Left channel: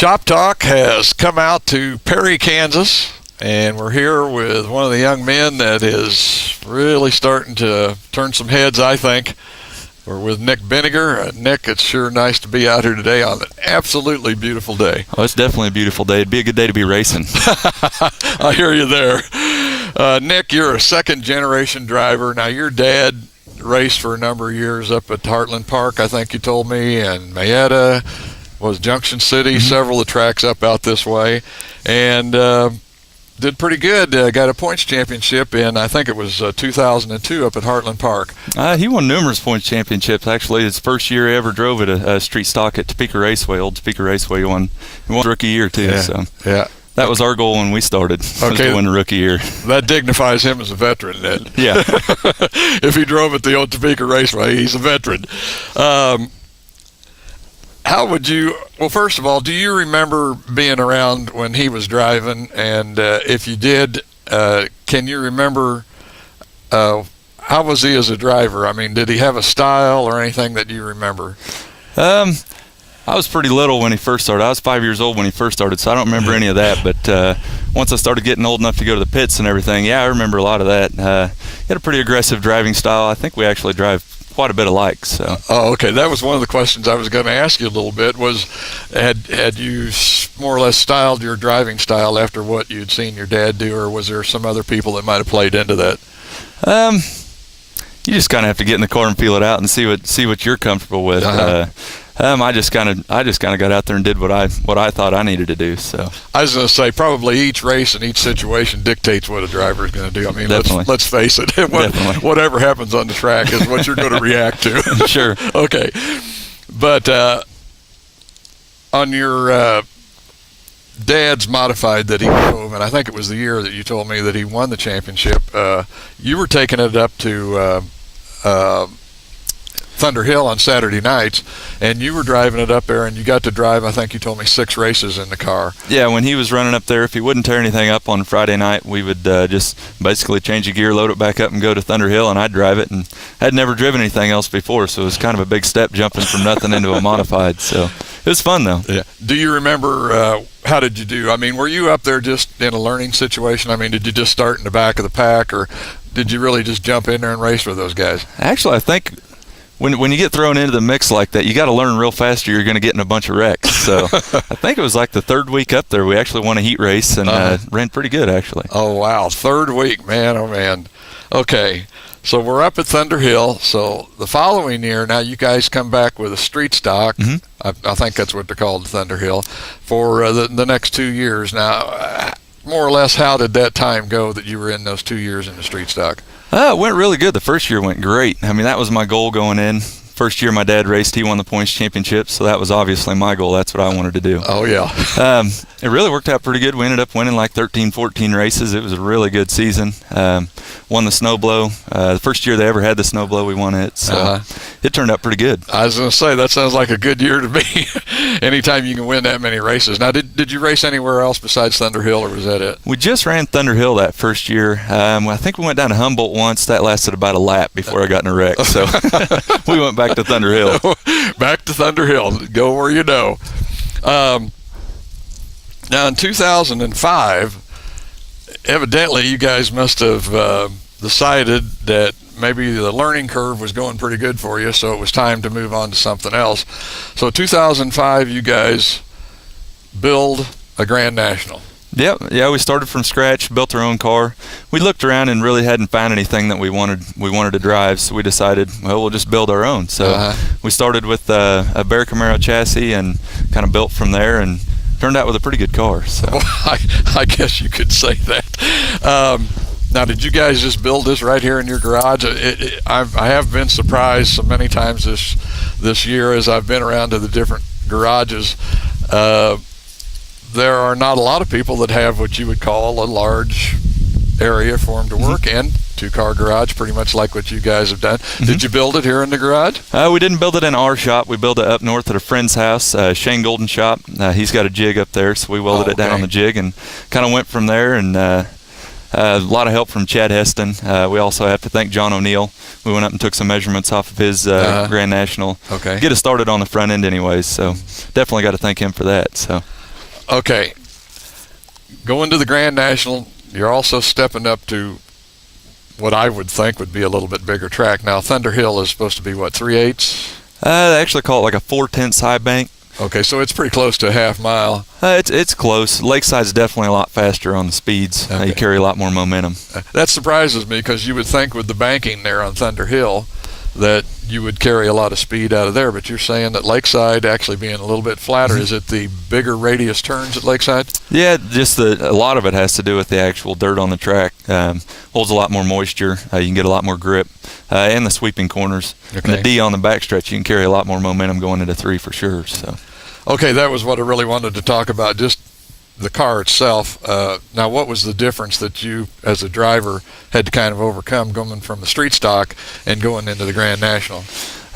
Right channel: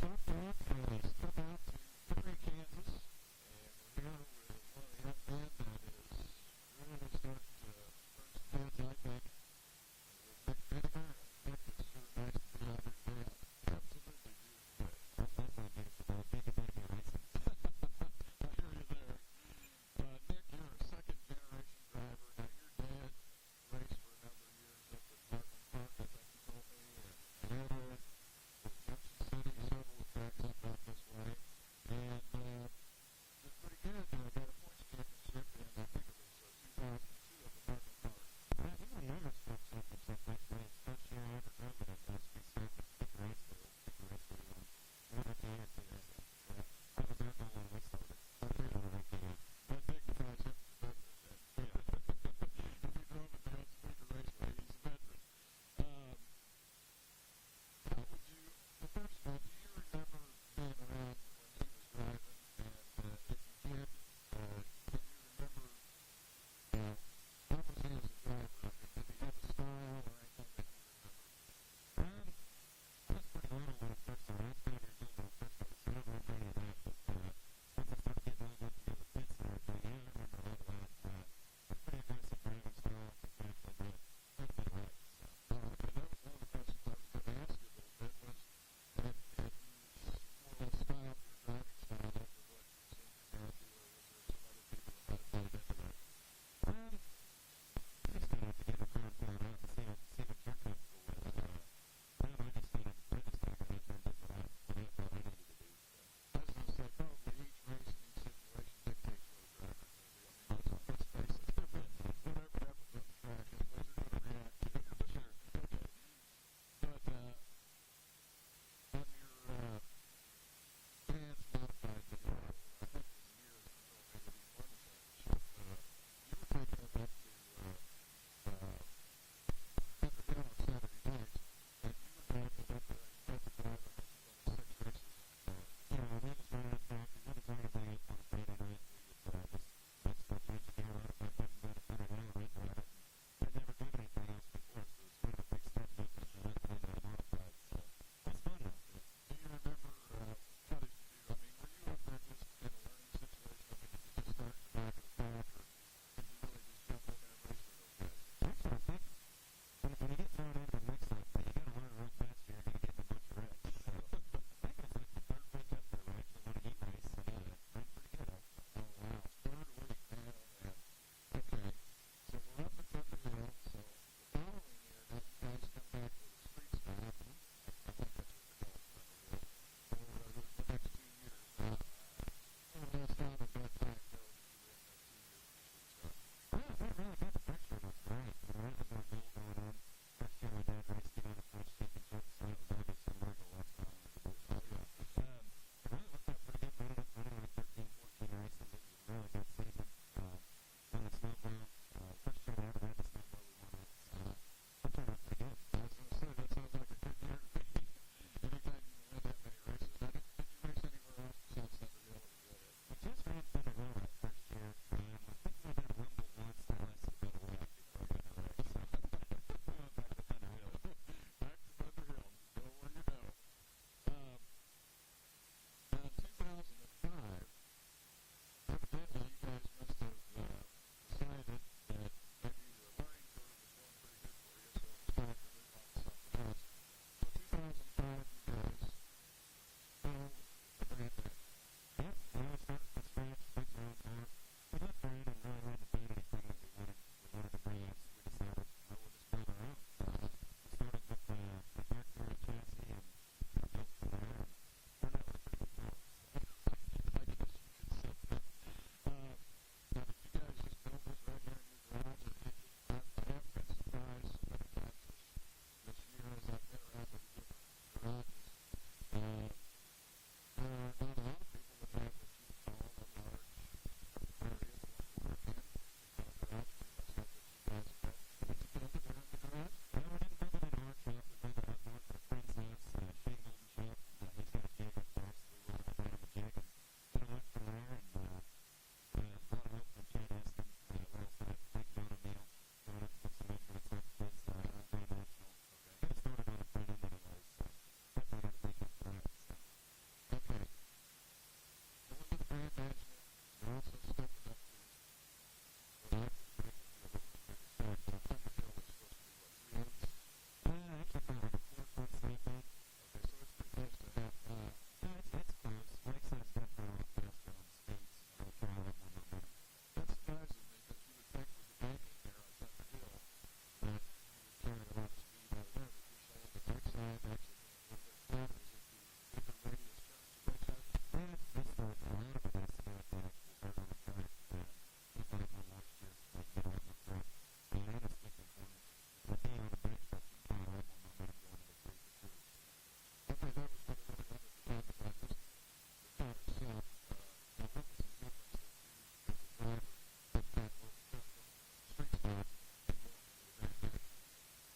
Shop Talk has come out to Perry, Kansas, and we're here with one of the young men that is really starting to turn some heads, I think. We're with Nick Bidinger. Nick, it's sure nice to be out here today on an absolutely beautiful day. Oh, it's definitely a beautiful day. It'd be a good day to be racing. I hear you there. Nick, you're a second-generation driver. Now, your dad raced for a number of years up at Heartland Park, I think you told me, and Mayetta, was Junction City, several of the tracks up out this way, and did pretty good. Got a points championship in, I think it was 2002 up at Heartland Park. He won numerous points championships. Actually, his first year he ever drove at a street stock at Topeka Raceway, old Topeka Raceway. He won rookie year too. Yeah. So yeah. That was our goal when we started, was to win the rookie year. That dignifies him as a veteran then. Yeah. If he drove at the old Topeka Raceway, he's a veteran. How would you, well, first of all, do you remember being around when he was driving? And if you did, can you remember how was he as a driver? I mean, did he have a style or anything that you remember? I was pretty little when he first started. I was 5 years old when he first started, so I don't remember any of that. But once I started getting old enough to go to the pits and everything, yeah, I remember a lot of that. He had a pretty aggressive driving style. I think we actually drive quite a bit alike. So. Oh, okay. That was one of the questions I was going to ask you a little bit. Was had you more or less styled your driving style after what you'd seen your dad do, or was there some other people that might have played into that? You just kind of have to get in the car and feel it out and see what you're comfortable with. I just kind of got out there and did what I thought I needed to do. So I was going to say probably each race and each situation dictates what a driver is going to do. I mean, let's face it. Whatever happens on the track is what you're going to react to. Sure. Okay, but on your dad's modified that he drove, and I think it was the year that you told me that he won the championship. You were taking it up to Thunder Hill on Saturday nights, and you were driving it up there, and you got to drive, I think you told me, 6 races in the car. Yeah, when he was running up there, if he wouldn't tear anything up on Friday night, we would just basically change the gear, load it back up, and go to Thunder Hill, and I'd drive it, and I'd never driven anything else before, so it was kind of a big step jumping from nothing into a modified. So it was fun, though. Yeah. Do you remember how did you do? I mean, were you up there just in a learning situation? I mean, did you just start in the back of the pack, or did you really just jump in there and race with those guys? Actually, I think when you get thrown into the mix like that, you got to learn real fast or you're going to get in a bunch of wrecks. So I think it was like the 3rd week up there, we actually won a heat race and ran pretty good, actually. Oh, wow. 3rd week, man, oh, man. Okay, so we're up at Thunder Hill. So the following year, now you guys come back with a street stock. I think that's what they're called, Thunder Hill, for the next 2 years. Now, more or less, how did that time go that you were in those 2 years in the street stock? It went really good. The first year went great. I mean, that was my goal going in. First year my dad raced, he won the points championship, so that was obviously my goal. That's what I wanted to do. Oh, yeah. It really worked out pretty good. We ended up winning like 13, 14 races. It was a really good season. Won the snow blow. The first year they ever had the snow blow, we won it. So it turned out pretty good. I was going to say, that sounds like a good year to me. Anytime you can win that many races. Now, did you race anywhere else besides Thunder Hill, or was that it? We just ran Thunder Hill that first year. I think we went down to Humboldt once. That lasted about a lap before I got in a wreck. So we went back to Thunder Hill. Back to Thunder Hill. Go where you know. Now, in 2005, evidently you guys must have decided that maybe the learning curve was going pretty good for you, so it was time to move on to something else. So 2005, you guys build a Grand National. Yep. Yeah, we started from scratch, built our own car. We looked around and really hadn't found anything that we wanted to drive, so we decided, well, we'll just build our own. So we started with a Bear Camaro chassis and kind of built from there, and turned out with a pretty good car. So well, I guess you could say that. Now, did you guys just build this right here in your garage? I have been surprised so many times this year as I've been around to the different garages. There are not a lot of people that have what you would call a large area for them to work in. 2-car garage, pretty much like what you guys have done. Did you build it here in the garage? We didn't build it in our shop. We built it up north at a friend's house, Shane Golden's shop. He's got a jig up there, so we welded it down on the jig and kind of went from there. And a lot of help from Chad Heston. We also have to thank John O'Neill. We went up and took some measurements off of his Grand National. Okay. Get us started on the front end anyways, so definitely got to thank him for that. So. Okay, going to the Grand National, you're also stepping up to what I would think would be a little bit bigger track. Now, Thunder Hill is supposed to be, what, 3/8? They actually call it like a 4/10 high bank. Okay, so it's pretty close to a half mile. It's close. Lakeside's definitely a lot faster on the speeds. Okay. You carry a lot more momentum. That surprises me because you would think with the banking there on Thunder Hill that you would carry a lot of speed out of there, but you're saying that Lakeside actually being a little bit flatter, is it the bigger radius turns at Lakeside? Yeah, just a lot of it has to do with the actual dirt on the track. Holds a lot more moisture. You can get a lot more grip, and the sweeping corners. Okay. And the D on the backstretch, you can carry a lot more momentum going into 3 for sure. So. Okay, that was what I really wanted to talk about, just the car itself. Now, what was the difference that you, as a driver, had to kind of overcome going from the street stock and going into the Grand National?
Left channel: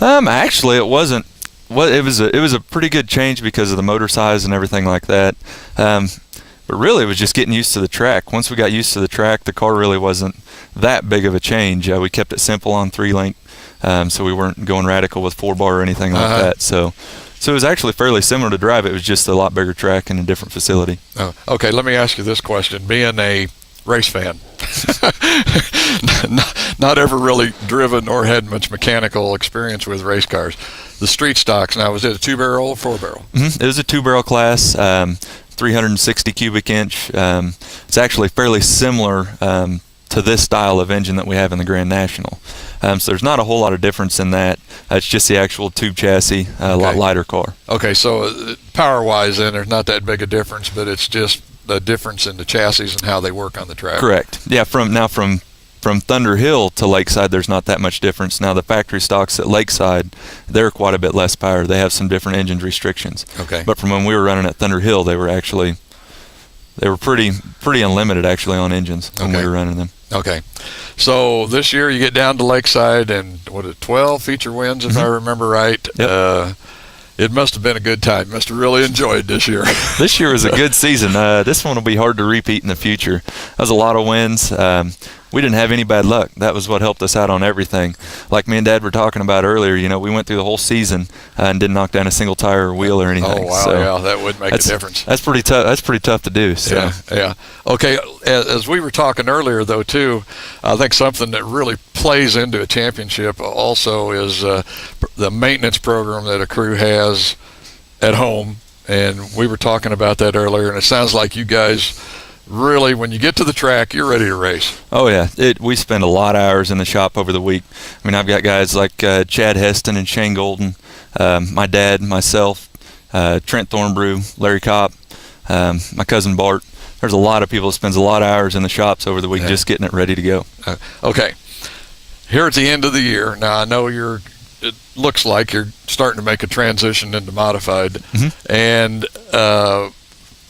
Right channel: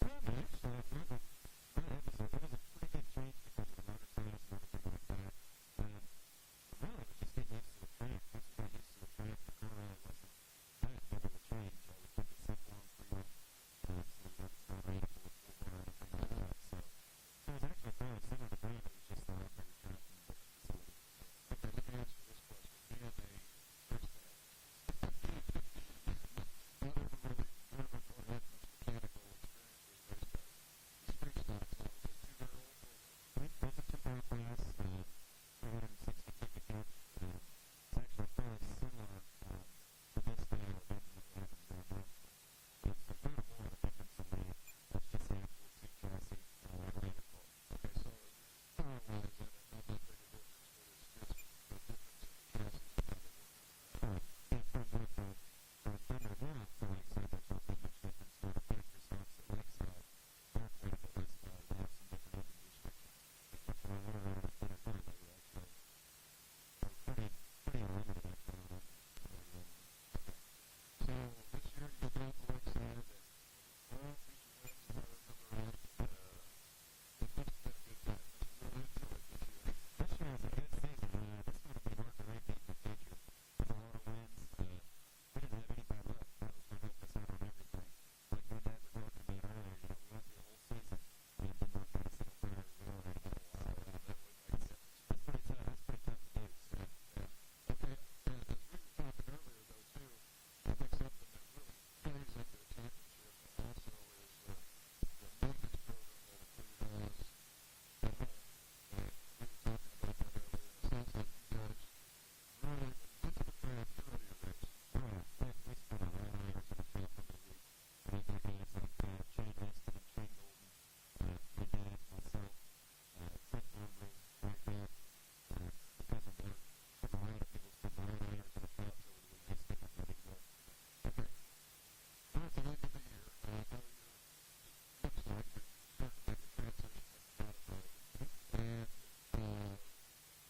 Actually, it wasn't. Well, it was a pretty good change because of the motor size and everything like that. But really, it was just getting used to the track. Once we got used to the track, the car really wasn't that big of a change. We kept it simple on 3-link, so we weren't going radical with 4-bar or anything like that. So it was actually fairly similar to drive. It was just a lot bigger track and a different facility. Oh, okay, let me ask you this question. Being a race fan, not ever really driven or had much mechanical experience with race cars, the street stocks, now, was it a 2-barrel or 4-barrel? Mm-hmm. It was a 2-barrel class, 360 cubic inch. It's actually fairly similar to this style of engine that we have in the Grand National. So there's not a whole lot of difference in that. It's just the actual tube chassis, a lot lighter car. Okay, so power-wise then there's not that big a difference, but it's just the difference in the chassis and how they work on the track. Correct. Yeah, from Thunder Hill to Lakeside, there's not that much difference. Now, the factory stocks at Lakeside, they're quite a bit less power. They have some different engine restrictions. Okay. But from when we were running at Thunder Hill, they were pretty unlimited actually on engines when we were running them. Okay. So this year you get down to Lakeside and 12 feature wins, if I remember right. Yep. It must have been a good time. Must have really enjoyed this year. This year was a good season. This one will be hard to repeat in the future. That was a lot of wins. We didn't have any bad luck. That was what helped us out on everything. Like me and Dad were talking about earlier, we went through the whole season and didn't knock down a single tire or wheel or anything. Oh, wow, so yeah, that would make a difference. That's pretty tough. That's pretty tough to do. So. Yeah. Okay, as we were talking earlier, though, too, I think something that really plays into a championship also is the maintenance program that a crew has at home. And we were talking about that earlier, and it sounds like you guys really, when you get to the track, you're ready to race. Oh, yeah. We spend a lot of hours in the shop over the week. I mean, I've got guys like Chad Heston and Shane Golden, my dad, myself, Trent Thornbrew, Larry Kopp, my cousin Bart. There's a lot of people that spends a lot of hours in the shops over the week just getting it ready to go. Okay. Here at the end of the year, now I know it looks like you're starting to make a transition into modified. Mm-hmm. And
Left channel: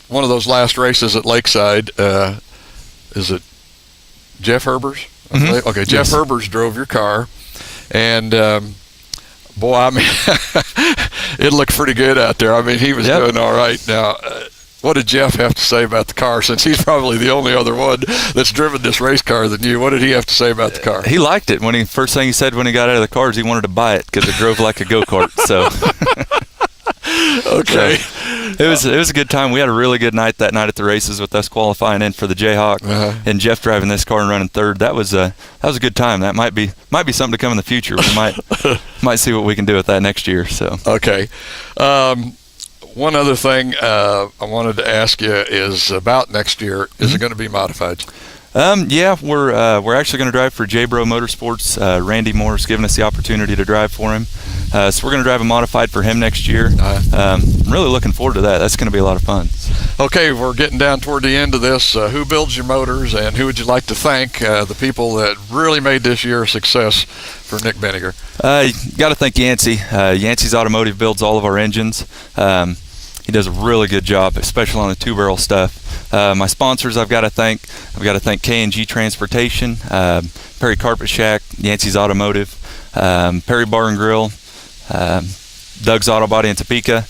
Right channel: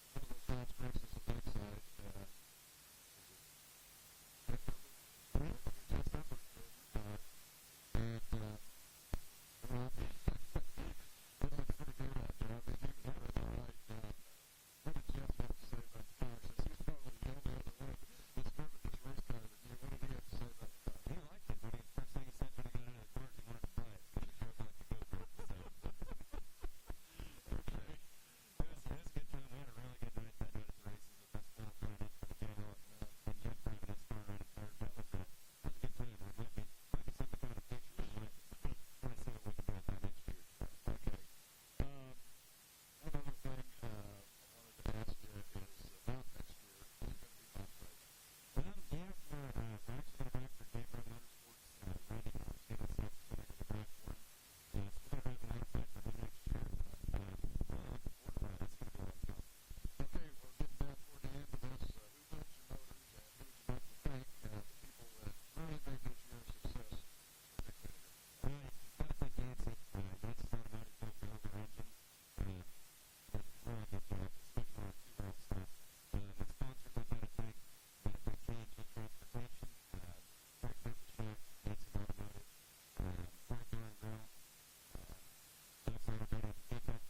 one of those last races at Lakeside, is it Jeff Herbers? Mm-hmm. Okay, Jeff Herbers drove your car, and boy, I mean, it looked pretty good out there. I mean, he was doing all right. Now, what did Jeff have to say about the car, since he's probably the only other one that's driven this race car than you? What did he have to say about the car? He liked it. First thing he said when he got out of the car is he wanted to buy it because it drove like a go-kart. So. Okay. So, it was a good time. We had a really good night that night at the races with us qualifying in for the Jayhawk and Jeff driving this car and running third. That was a good time. That might be something to come in the future. We might see what we can do with that next year. So. Okay. One other thing I wanted to ask you is about next year. Is it going to be modified? Yeah, we're actually going to drive for J-Bro Motorsports. Randy Moore's given us the opportunity to drive for him. So we're going to drive a modified for him next year. I'm really looking forward to that. That's going to be a lot of fun. Okay, we're getting down toward the end of this. Who builds your motors, and who would you like to thank, the people that really made this year a success for Nick Bidinger? You got to thank Yancey. Yancey's Automotive builds all of our engines. He does a really good job, especially on the 2-barrel stuff. My sponsors I've got to thank K&G Transportation, Perry Carpet Shack, Yancey's Automotive, Perry Bar and Grill, Doug's Auto Body in Topeka.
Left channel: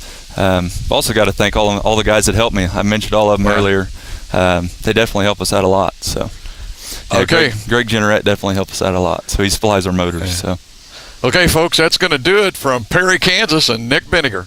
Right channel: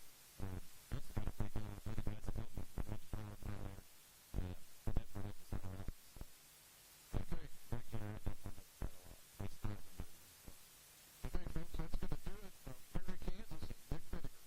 Also got to thank all the guys that helped me. I mentioned all of them earlier. They definitely help us out a lot. So, yeah, okay, Greg Generette definitely helped us out a lot. So he supplies our motors. So, okay, folks, that's going to do it from Perry, Kansas, and Nick Bidinger.